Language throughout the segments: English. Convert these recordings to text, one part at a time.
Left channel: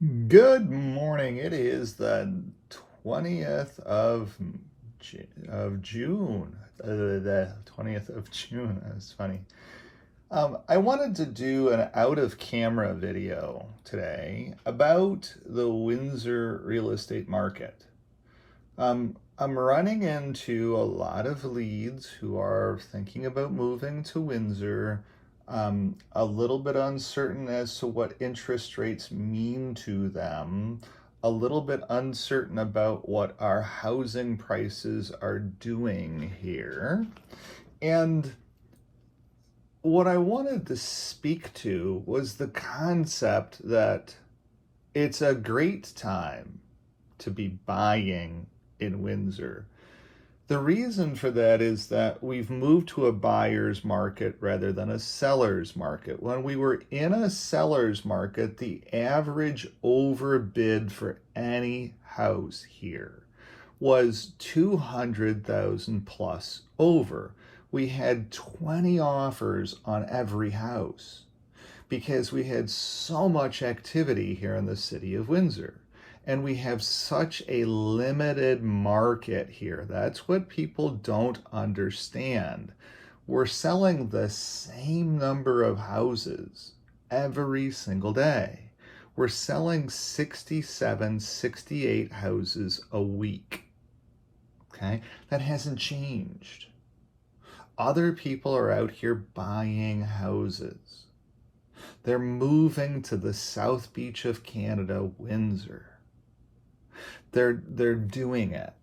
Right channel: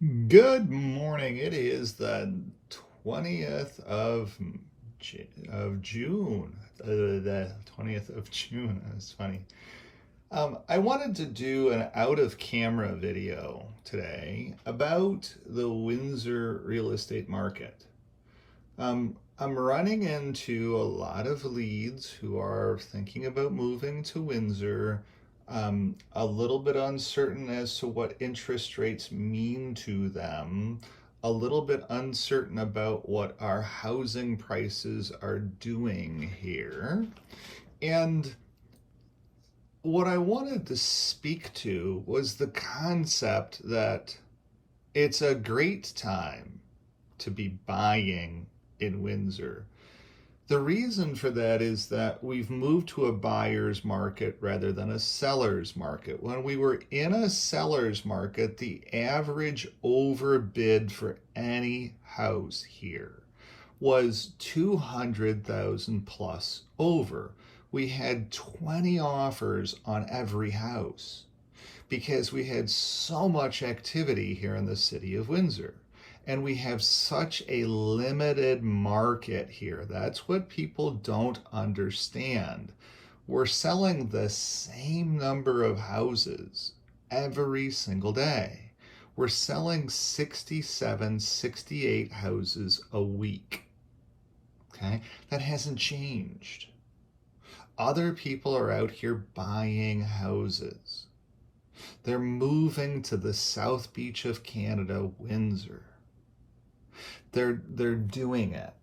Good morning. It is the 20th of June. The 20th of June. That's funny. I wanted to do an out of camera video today about the Windsor real estate market. I'm running into a lot of leads who are thinking about moving to Windsor, a little bit uncertain as to what interest rates mean to them, a little bit uncertain about what our housing prices are doing here. And what I wanted to speak to was the concept that it's a great time to be buying in Windsor. The reason for that is that we've moved to a buyer's market rather than a seller's market. When we were in a seller's market, the average overbid for any house here was 200,000 plus over. We had 20 offers on every house because we had so much activity here in the city of Windsor. And we have such a limited market here. That's what people don't understand. We're selling the same number of houses every single day. We're selling 67, 68 houses a week. Okay? That hasn't changed. Other people are out here buying houses. They're moving to the South Beach of Canada, Windsor. They're doing it.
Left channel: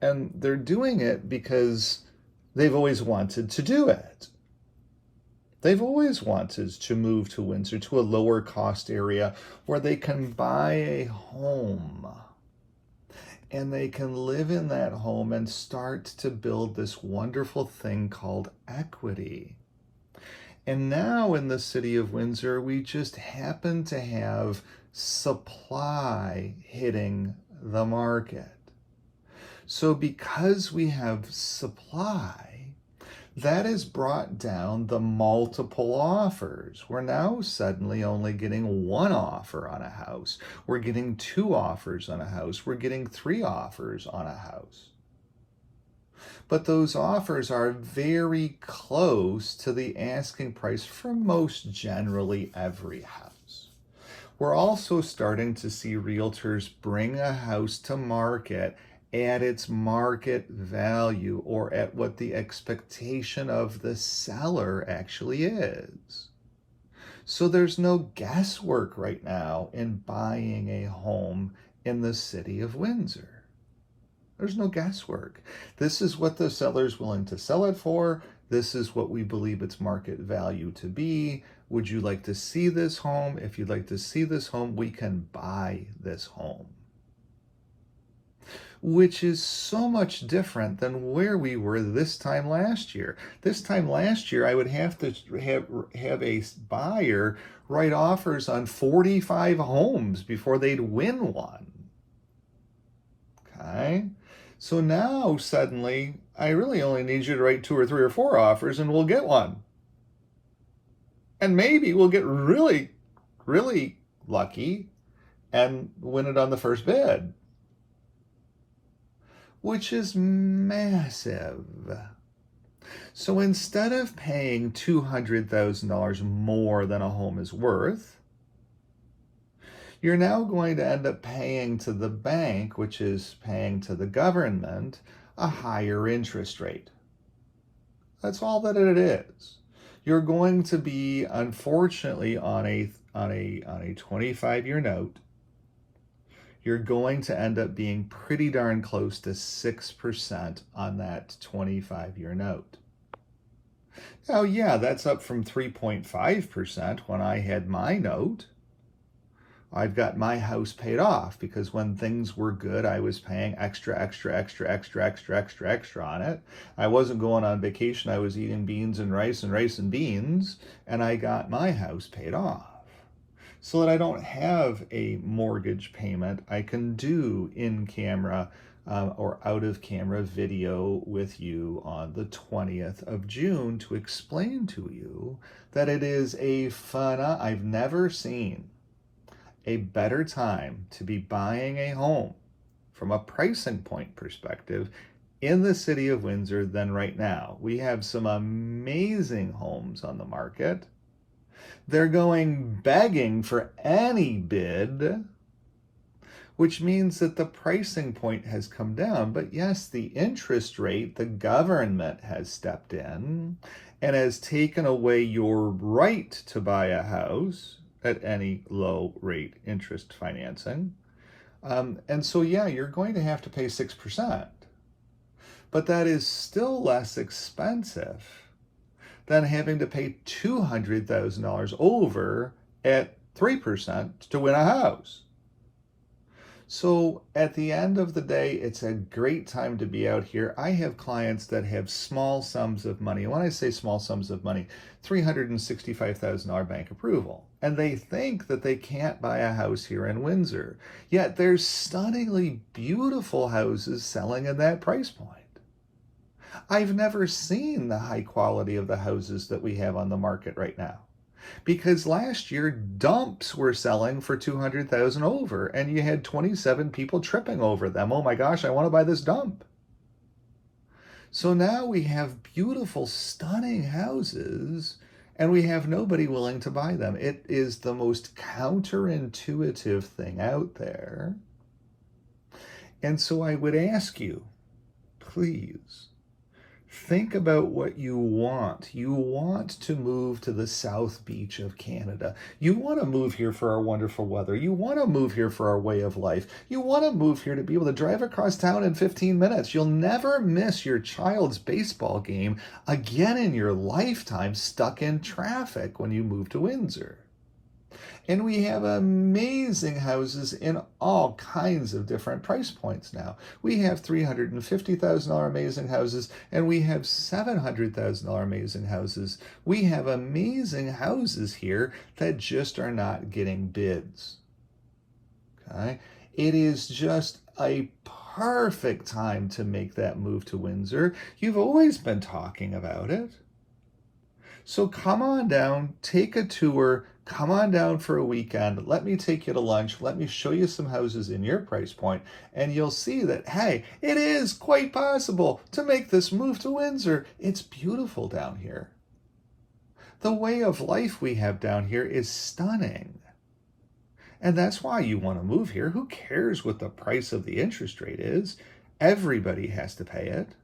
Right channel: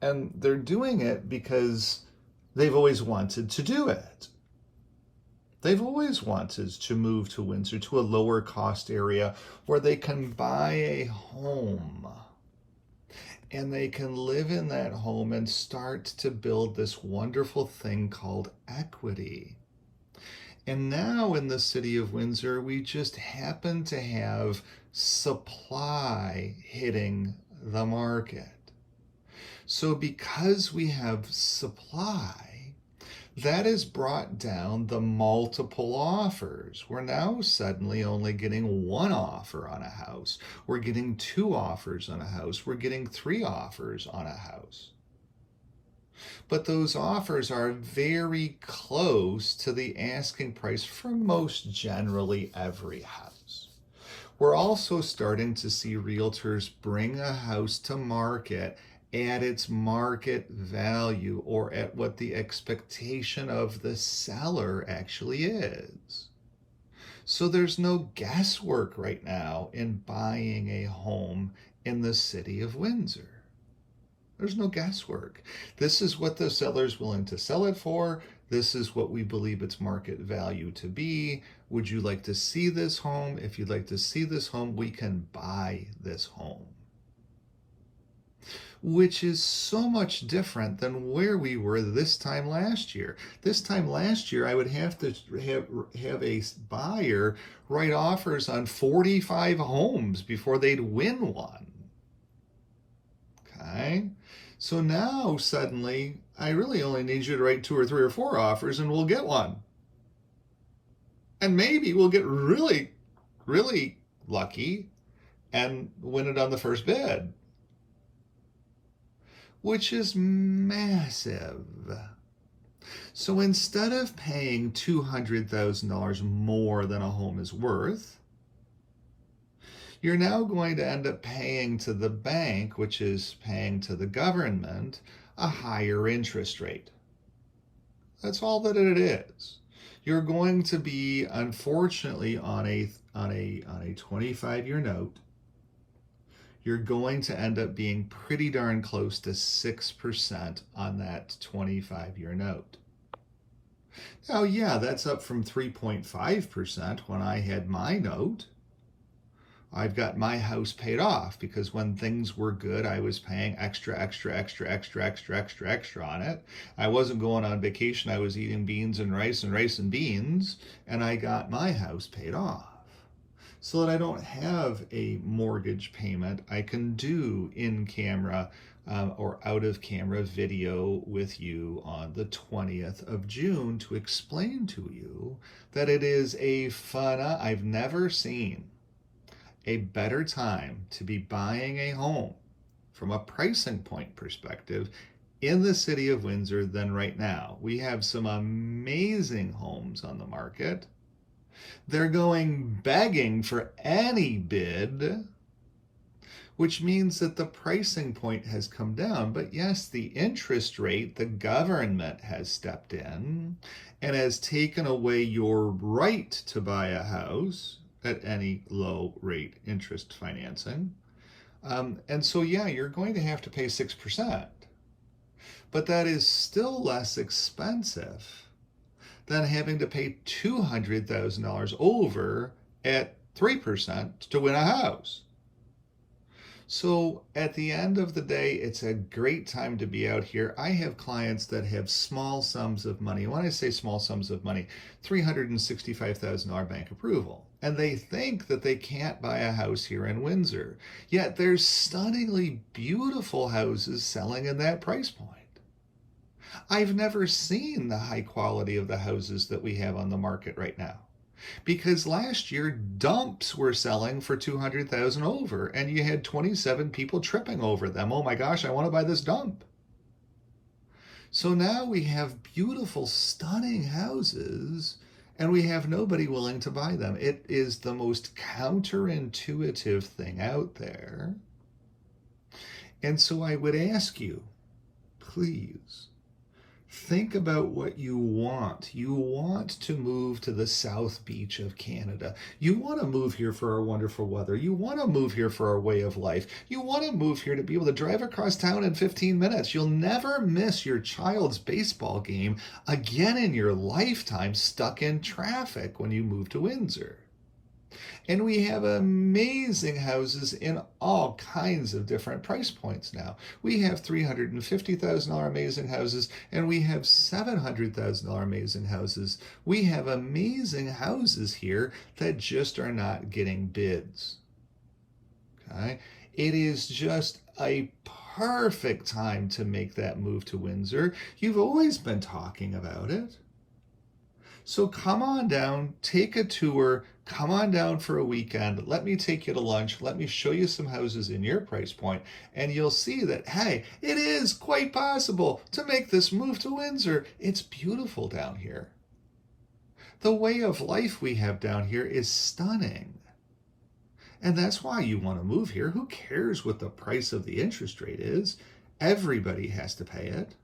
And they're doing it because they've always wanted to do it. They've always wanted to move to Windsor, to a lower cost area where they can buy a home and they can live in that home and start to build this wonderful thing called equity. And now in the city of Windsor, we just happen to have supply hitting the market. So because we have supply, that has brought down the multiple offers. We're now suddenly only getting one offer on a house. We're getting two offers on a house. We're getting three offers on a house. But those offers are very close to the asking price for most generally every house. We're also starting to see realtors bring a house to market at its market value or at what the expectation of the seller actually is. So there's no guesswork right now in buying a home in the city of Windsor. There's no guesswork. This is what the seller's willing to sell it for. This is what we believe its market value to be. Would you like to see this home? If you'd like to see this home, we can buy this home. Which is so much different than where we were this time last year. This time last year, I would have to have a buyer write offers on 45 homes before they'd win one. Okay? So now suddenly, I really only need you to write 2 or 3 or 4 offers and we'll get one. And maybe we'll get really, really lucky and win it on the first bid, which is massive. So instead of paying $200,000 more than a home is worth, you're now going to end up paying to the bank, which is paying to the government, a higher interest rate. That's all that it is. You're going to be, unfortunately, on a 25-year note, you're going to end up being pretty darn close to 6% on that 25-year note. Now, yeah, that's up from 3.5% when I had my note. I've got my house paid off because when things were good, I was paying extra on it. I wasn't going on vacation. I was eating beans and rice and beans, and I got my house paid off. So that I don't have a mortgage payment, I can do in-camera or out-of-camera video with you on the 20th of June to explain to you that it is a fun, I've never seen a better time to be buying a home from a pricing point perspective in the city of Windsor than right now. We have some amazing homes on the market. They're going begging for any bid, which means that the pricing point has come down. But yes, the interest rate, the government has stepped in and has taken away your right to buy a house at any low rate interest financing. And so, yeah, you're going to have to pay 6%, but that is still less expensive than having to pay $200,000 over at 3% to win a house. So at the end of the day, it's a great time to be out here. I have clients that have small sums of money. And when I say small sums of money, $365,000 bank approval. And they think that they can't buy a house here in Windsor. Yet there's stunningly beautiful houses selling in that price point. I've never seen the high quality of the houses that we have on the market right now. Because last year dumps were selling for $200,000 over, and you had 27 people tripping over them. Oh my gosh, I want to buy this dump. So now we have beautiful, stunning houses, and we have nobody willing to buy them. It is the most counterintuitive thing out there. And so I would ask you, please, think about what you want. You want to move to the South Beach of Canada. You want to move here for our wonderful weather. You want to move here for our way of life. You want to move here to be able to drive across town in 15 minutes. You'll never miss your child's baseball game again in your lifetime stuck in traffic when you move to Windsor. And we have amazing houses in all kinds of different price points now. We have $350,000 amazing houses, and we have $700,000 amazing houses. We have amazing houses here that just are not getting bids. Okay? It is just a perfect time to make that move to Windsor. You've always been talking about it. So come on down, take a tour, come on down for a weekend. Let me take you to lunch. Let me show you some houses in your price point, and you'll see that, hey, it is quite possible to make this move to Windsor. It's beautiful down here. The way of life we have down here is stunning. And that's why you want to move here. Who cares what the price of the interest rate is? Everybody has to pay it,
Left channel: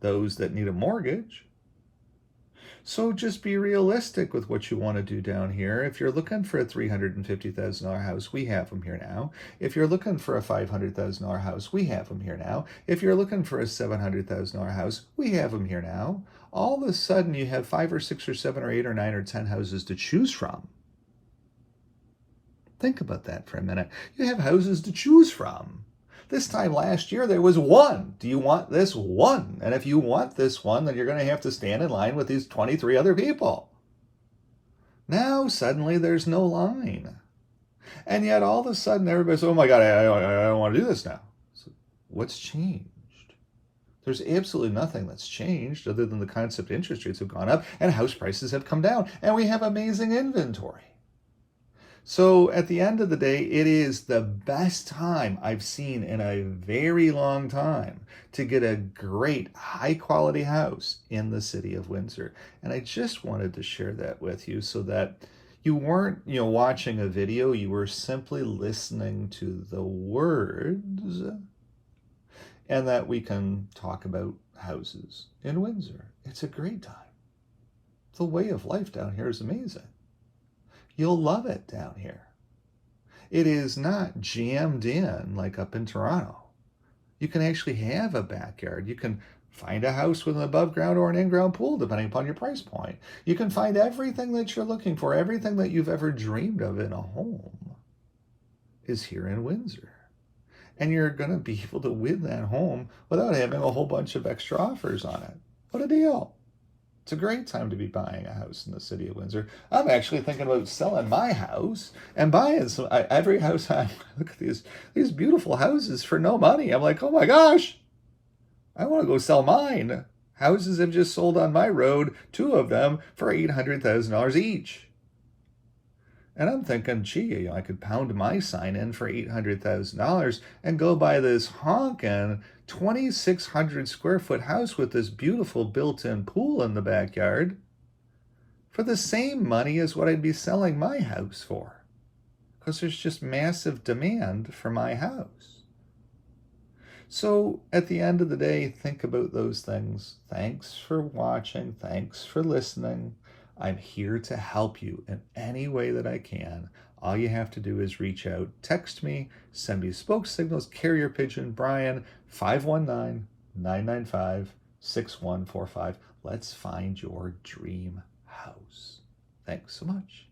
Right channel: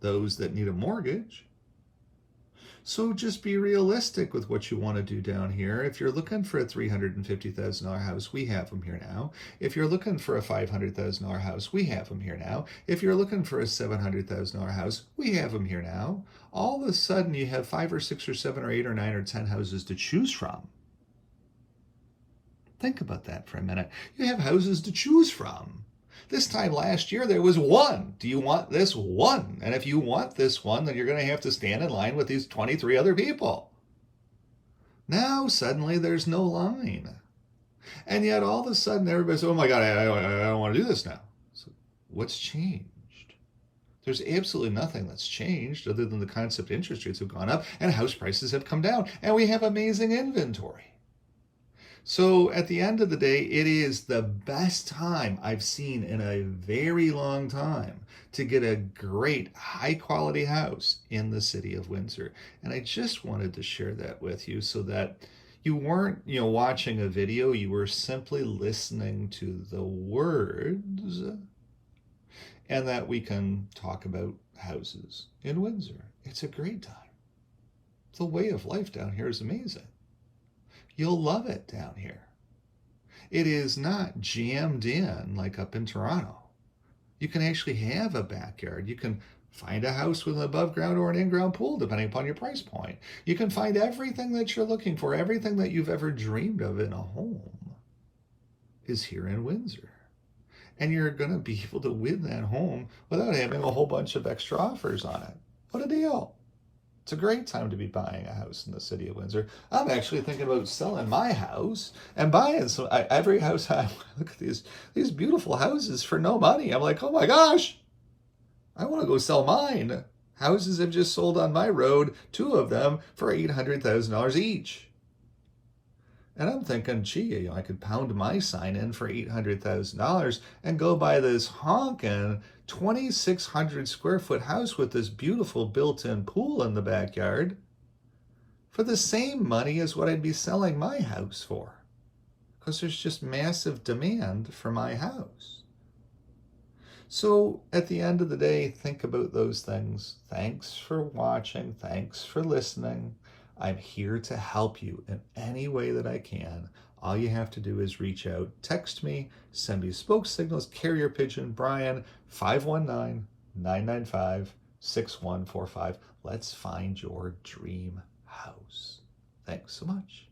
those that need a mortgage. So just be realistic with what you want to do down here. If you're looking for a $350,000 house, we have them here now. If you're looking for a $500,000 house, we have them here now. If you're looking for a $700,000 house, we have them here now. All of a sudden, you have 5 or 6 or 7 or 8 or 9 or 10 houses to choose from. Think about that for a minute. You have houses to choose from. This time last year, there was one. Do you want this one? And if you want this one, then you're going to have to stand in line with these 23 other people. Now, suddenly, there's no line. And yet, all of a sudden, everybody's, oh my God, I don't want to do this now. So what's changed? There's absolutely nothing that's changed other than the concept interest rates have gone up and house prices have come down. And we have amazing inventory. So at the end of the day, it is the best time I've seen in a very long time to get a great high quality house in the city of Windsor. And I just wanted to share that with you so that you weren't, watching a video, you were simply listening to the words, and that we can talk about houses in Windsor. It's a great time. The way of life down here is amazing. You'll love it down here. It is not jammed in like up in Toronto. You can actually have a backyard. You can find a house with an above ground or an in-ground pool, depending upon your price point. You can find everything that you're looking for, everything that you've ever dreamed of in a home is here in Windsor. And you're going to be able to win that home without having a whole bunch of extra offers on it. What a deal. It's a great time to be buying a house in the city of Windsor. I'm actually thinking about selling my house and buying some. Every house I look at these beautiful houses for no money. I'm like, oh my gosh, I want to go sell mine. Houses have just sold on my road, 2 of them for $800,000 each. And I'm thinking, gee, I could pound my sign in for $800,000 and go buy this honkin' 2,600 square foot house with this beautiful built-in pool in the backyard for the same money as what I'd be selling my house for, because there's just massive demand for my house. So at the end of the day, think about those things. Thanks for watching. Thanks for listening. I'm here to help you in any way that I can. All you have to do is reach out, text me, send me smoke signals, carrier pigeon, Brian, 519-995-6145. Let's find your dream house. Thanks so much.